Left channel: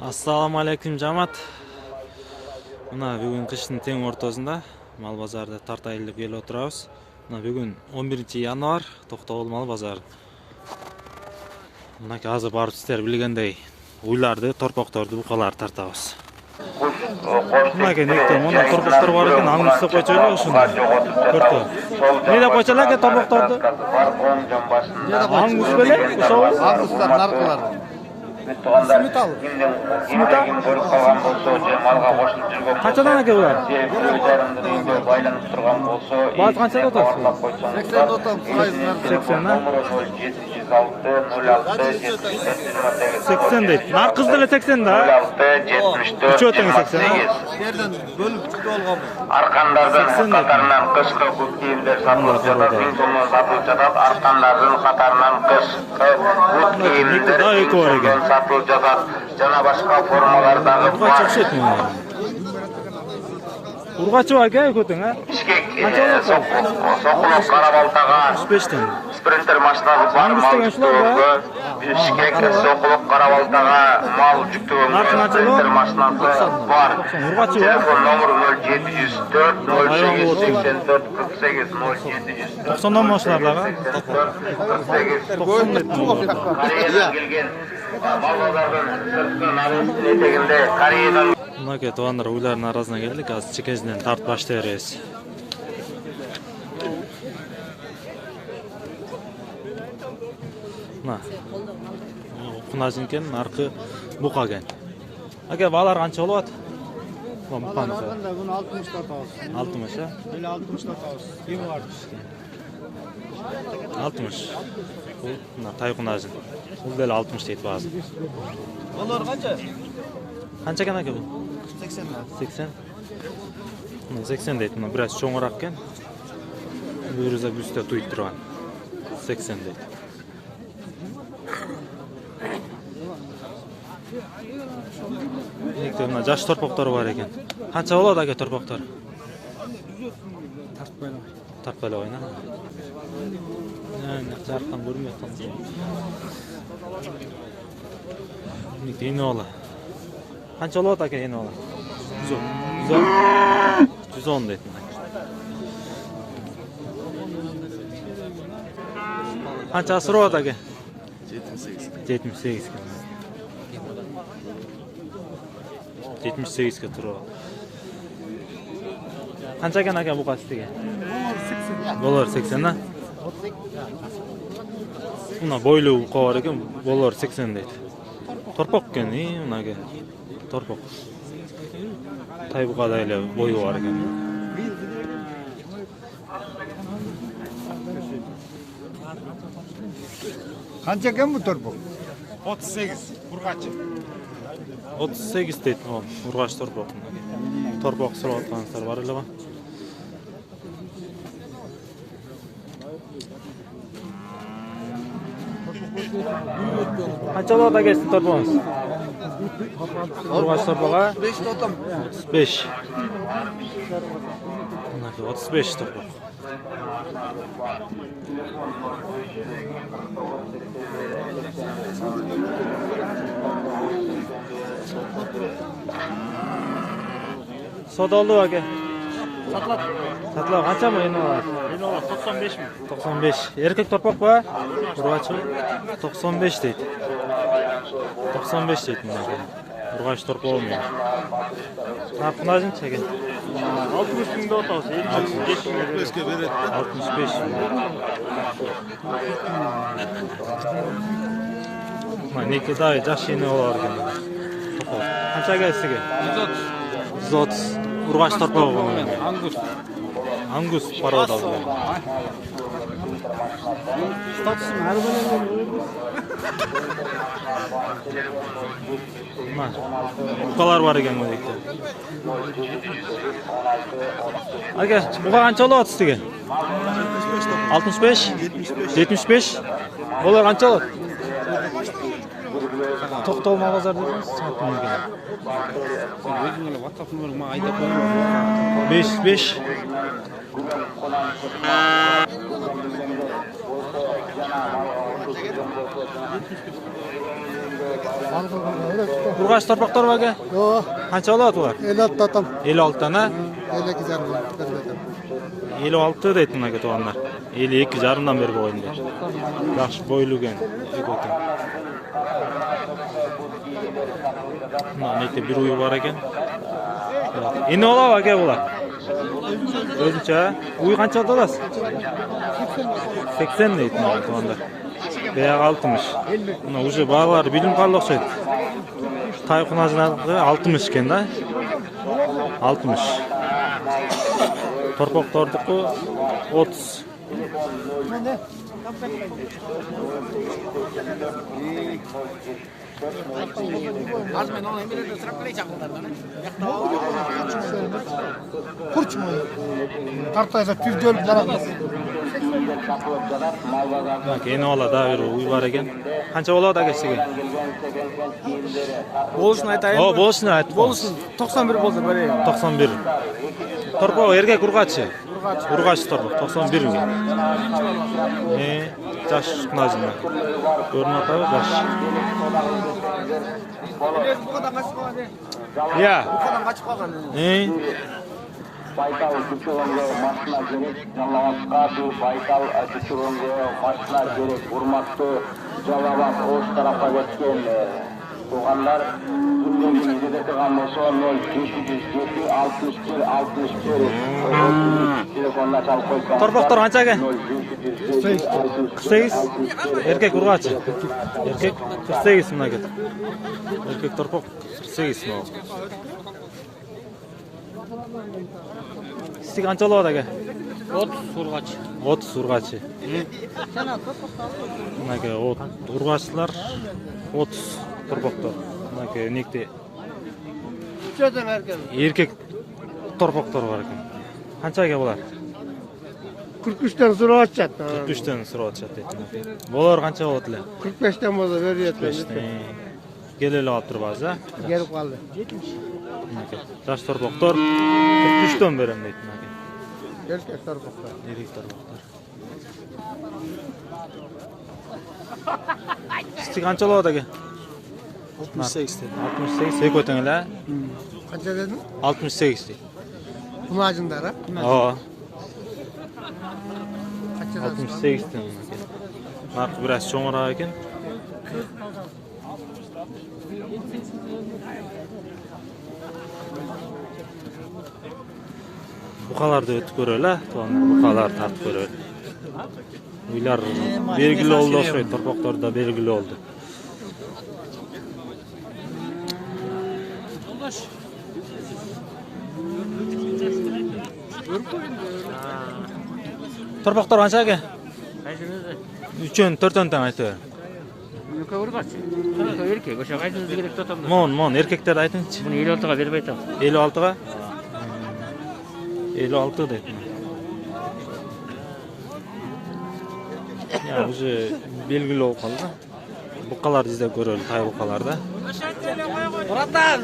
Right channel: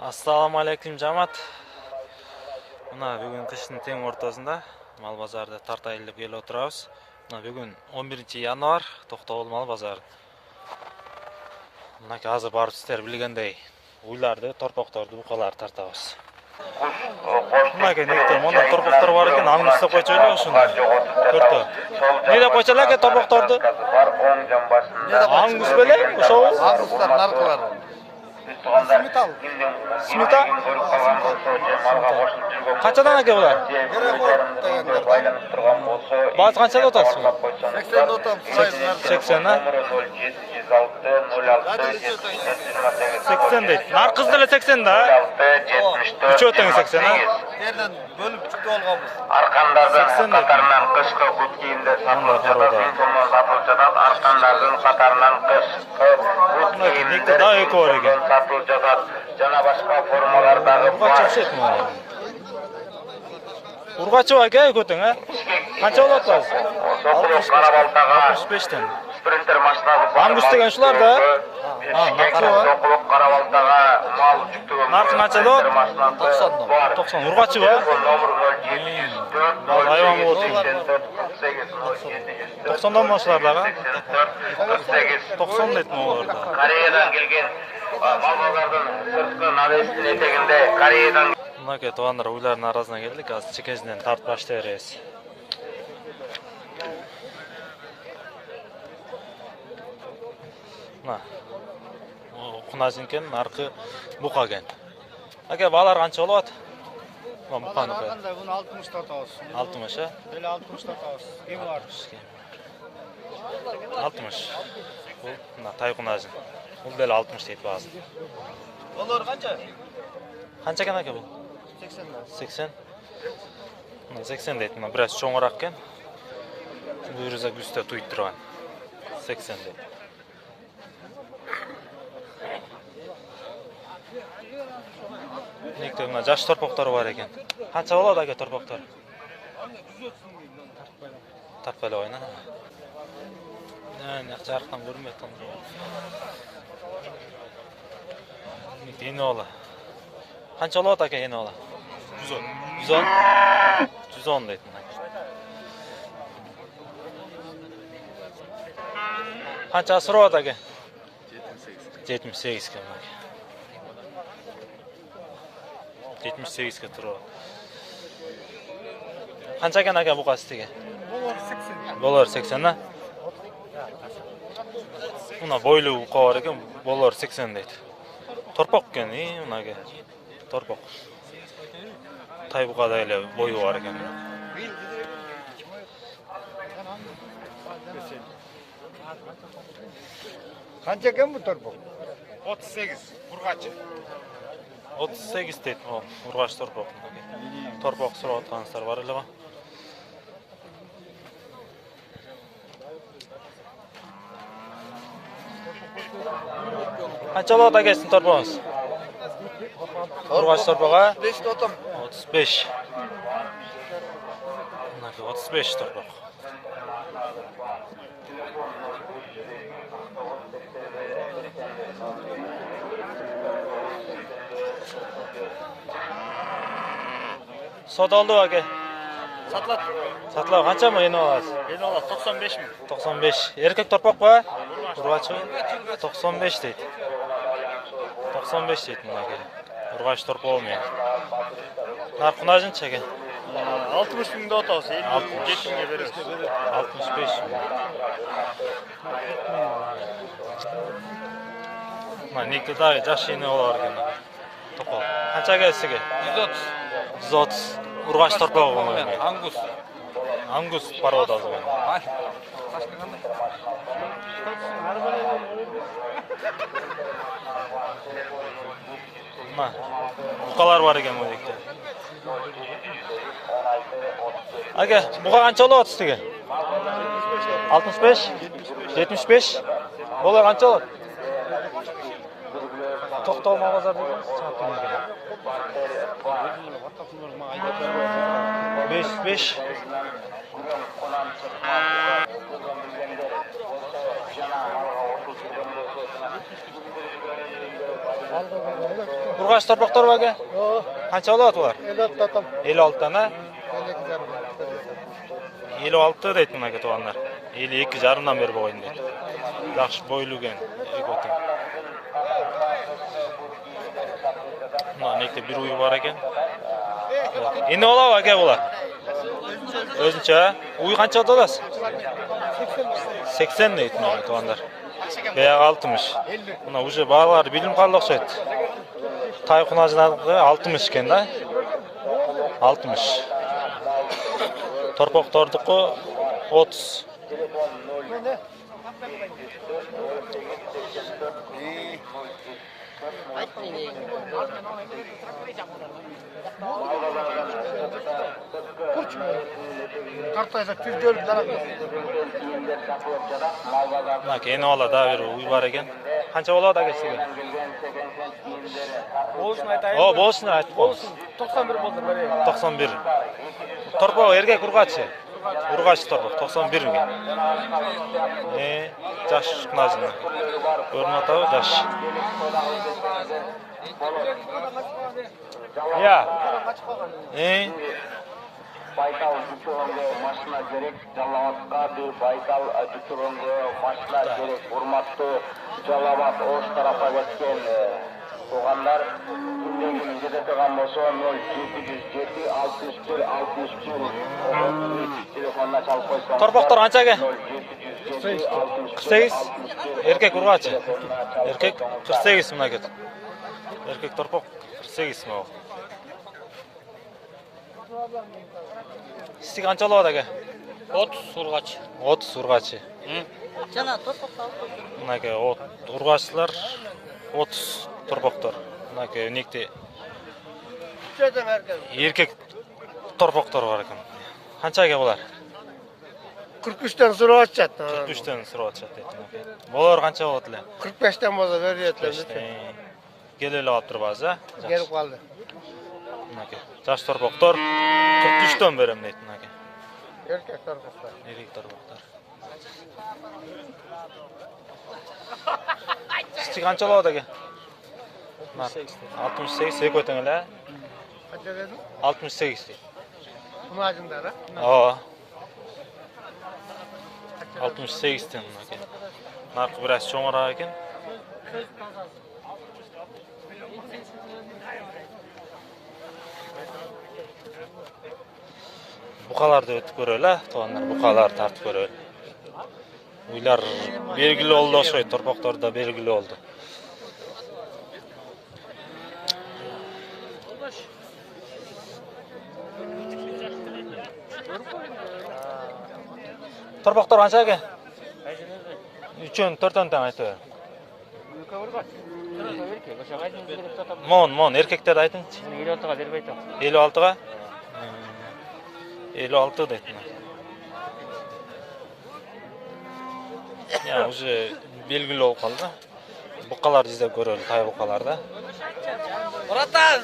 Assalamu alaykum жамаат. Мына бүгүн кыштын тең ортосунда мал базарда тартайлы деп келип отурабыз. Мына бүгүн 11-январь, Токтогул мал базары. Мына азыр барып сиздер билгендей уйларды, торпокторду, букаларды тартабыз. Мына нектен мына торпоктор бар экен, аңгыз деп койчу эле ушуну. Көрдү. Эмне деп койчу эле торпокторду? Аңгыз беле? Ошобу? Аңгыздар, наркылар. Сметал. Сметал? Канчадан аке булар? Баат канчада отасыз? 80 отам. 80 а? 80 дейт. Наркыз деле 80 да? 3 өтөң 80 а? Жерден бөлүп чыгып алган. Аркандардын катарынан кышкы күт кийимдер сатылып жатат, 1000 сомдон сатылып жатат. Аркандардын катарынан кышкы күт кийимдер да эки бар экен. сатылып жатат. Жана башка формалардагы Ургач окшойт муну. Ургачы аке экөтөң а? Канча болот ал? 65тен. спринтер машинасы. Аңгыз деген ушулар да? Сокулук карабалтага мал жүктөгөн. Наркы канча болот? 90. 90. Ургачы ба? Номер 0704 Айван болот экен. 90дан башларлар а? 90 дейт муну. Кореядан келген балалардын сырткы нарыздын этегинде Кореядан Мынаке туугандар уйлардын арасына келдик, азыр чекесинен тартып баштай беребиз. Мына. Кунажинкен, наркы бука экен. Аке балар канча болот? Мына буканыкы. Буну 60 сатабыз. 60 а? Эле 60 сатабыз. Кем бар? 60. Бул мына тай кунажин. Бул деле 60 дейт баасы. Олар канча? Канча экен аке бул? 80. 80. Мына 80 дейт. Мына бир аз чоңураак экен. Бүйрүзө бүстө туйт турган. 80 дейт. Некте мына жаш торпоктору бар экен. Канча болот аке торпоктор? Тартпайлы ойна. Жарыктан көрүнбөй атат. Некте эне бала. Канча болот аке эне бала? 110. 110 дейт мына. Канча асырабат аке? 78 ке. 78 ке турат. Канча экен аке букасы тиги? Болор 80 а? Мына бойлуу бука бар экен, болор 80 дейт. Торпок экен, мынаке. Торпок. Тай букада эле бою бар экен. Канча экен бу торпок? 38 ургачы. 38 дейт бул ургач торпок. Торпок сурап аткансыздар бар эле го. Канча болот аке сиздин торпогуңуз? Ургач торпога 5 отам. 35. Мынаке 35 торпок. Содалды аке. Сатылат. Сатылат канча мы эне аласыз? Эне алат 95 миң. 95. Эркек торпок ба? Ургачы 95 дейт. 95 дейт мынаке. Ургач торпогу менен. Кунажын чекен. 60 миңде отабыз. 75 миңге беребиз. 65. Мына неке дай жаш эне болор экен. Топол. Канча келсиге? 130. Ургач торпогу менен. Аңгыз. Аңгус порода ал. Мына букалар бар экен мынакей. Аке, буга канча болот сизге? 65? 75? Болор канча болот? Токтогул мал базар дедиңиз, саат менен. 5. urg'achi torpoqlar bor aka? Yo'q, Qancha olyapti ular? 56 otam. 56 tana. 52,5. 56 deydi aka to'g'anlar. 52,5 dan berib qo'ydim deydi. Yaxshi bo'yilgan ekan. Mana nekda bir uy bor ekan. Endi olab aka bular. O'zincha uy qancha olasiz? 80 deydi mana to'g'anlar. Beyag 60. Mana o'sha bog'lar bilim qoldi o'xshaydi. Tay xunajlarida 60 ekan-da. 60. Torpoq tordiqi 30. Kurçma. Tartaysa tüzdöl zaratmaz. Bak endi oladi bir uy bor ekan. Qancha oladi aka sizga? Bo'lishini aytaymi? O, bo'lishini aytib Bo'lsin. 91 bo'lsa beraylik. 91. Torpoq erkak urg'achi. Urg'achi torpoq 91 ga. Jash qunajindan. Ko'rinadi, jash. Ya. Baykal Düşüröngö maşına gerek, Jalavatqa Baykal Düşüröngö maşına gerek, urmattуу Jalavat Oş tarafta geçken toğanlar gündeliğini getirgen bolsa 0707 61 61 telefonla çalıp koysan. Torpoqlar qancha aka? 48. Erkek urg'achi. Erkek 48 ming aka. Erkek torpoq 48 ming. Siz qancha oladi aka? 30 urg'achi. 30 urg'achi. Aka urg'achilar 30 torpoqlar. Aka nekda Cho'dan erkan. erkek torpoqlar bor ekan. Qancha aka bular? 43 dan so'rab aytchatdi. 43 dan so'rab aytishadi aka. Bular qancha olyaptilar? 45 dan bo'lsa beryapti. Kelib olib turibsiz a? Kelib qoldi. Aka. Jash torpoqlar 43 dan beraman deydi aka. Erkak taraflar. Erkek torpoqlar. Siz qancha oladi aka? 68. 68 sek o'tinglar. Qancha dedin? 68 deydi. Majindara. Ha. 68 dan aka. Narxi biroz cho'ngroq ekan. Buqalarda o'tib ko'raylik, to'g'anlar buqalar tartib ko'raylik. Uylar belgili oldi o'xshaydi, torpoqlarda belgili oldi. Torpoqlar qancha aka? 3 4 dan aytib. Erkek, o'sha qaysi kerak to'tam. Mon, erkaklarni aytingchi. Buni 56 ga berib aytaman. 56 ga? 56 deydi. Ya, o'zi belgili bo'lib qoldi. Buqalar izlab ko'raylik, tay buqalarda. Uratan.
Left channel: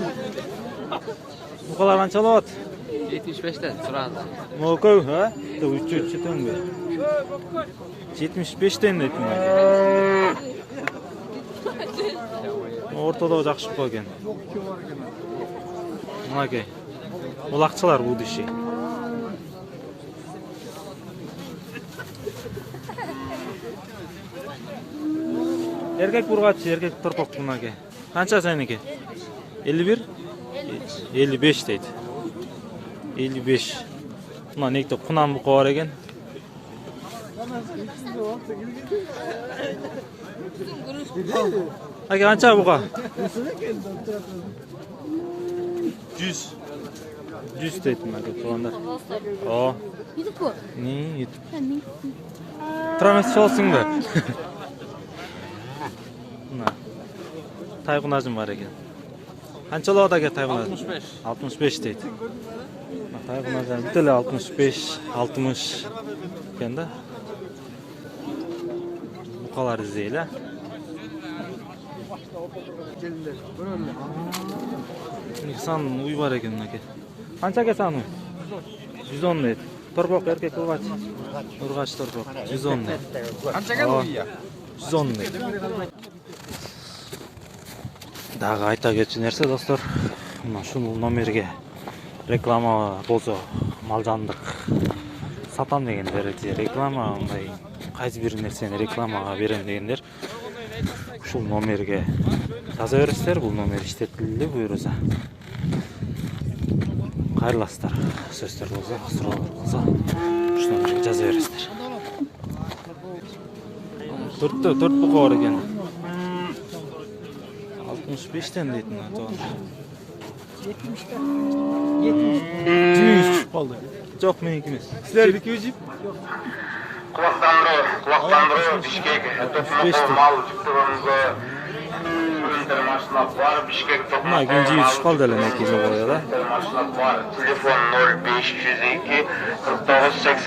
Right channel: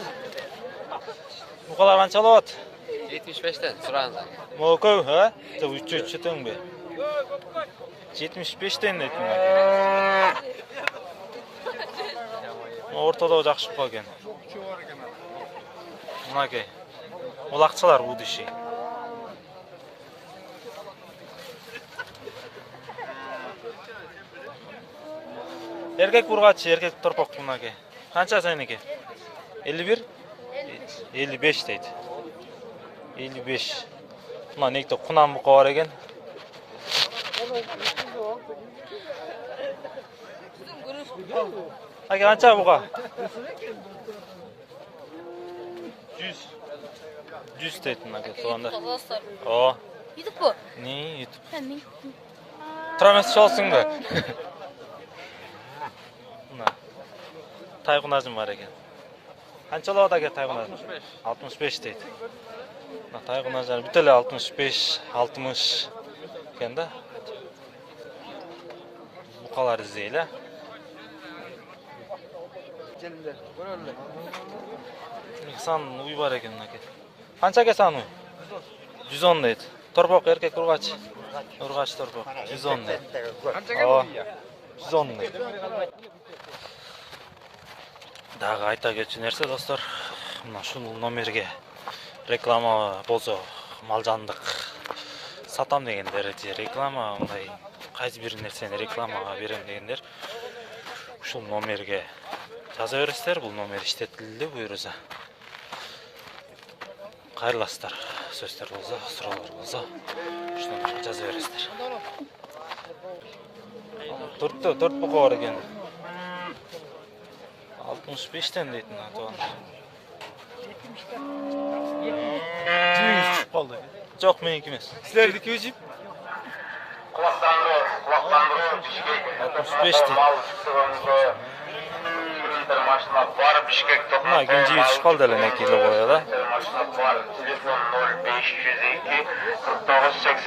Buqalar qancha olyapti? 75 dan so'radi. Mo'kov, ha? 3 tanga. 75 dan deydi. O'rtada yaxshi qolgan. Mana aka. Uloqchilar bu dishi. Erkek urg'achi, erkek torpoq buni aka. Qancha seniki? 51? 55 deydi. 55. Mana nekda qunam buqa bor ekan. Aka qancha buqa? 100. 100 deydi aka to'g'anlar. O. YouTube. Ne, YouTube. Trames olsinmi? Mana. Tayqunajim bor ekan. Qancha oladi aka tayqunaj? 65 deydi. Mana tayqunajlar bittalar 65, 60 ekanda. Buqalar izlaylar. San uy bor ekan aka. Qanchaga san uy? 110 deydi. Torpoq erkak urg'achi. Urg'achi torpoq 110 deydi. Qanchaga uy? 110 deydi. Дагы айта кетчү нерсе достор, мына ушул номерге реклама болсо малжандык сатам дегендер же реклама мындай кайсы бир нерсени рекламага берем дегендер ушул номерге жаза бересиздер. Бул номер иштетилди буюрса. Кайрыласыздар. Сөздөр болсо, суроолор болсо ушул номерге жаза бересиздер. Төрт бука бар экен. 65'ten deydi lan Doğan. 70'den. 70 çıkıp kaldı. Çok mu ikimiz? Sizler 200 jip. Kulaklandırıyor Bişkek. 65 değil. Var Bişkek'te. Buna ikinci 100 kaldı elene ikili koyala. Var. Telefon 0502 4980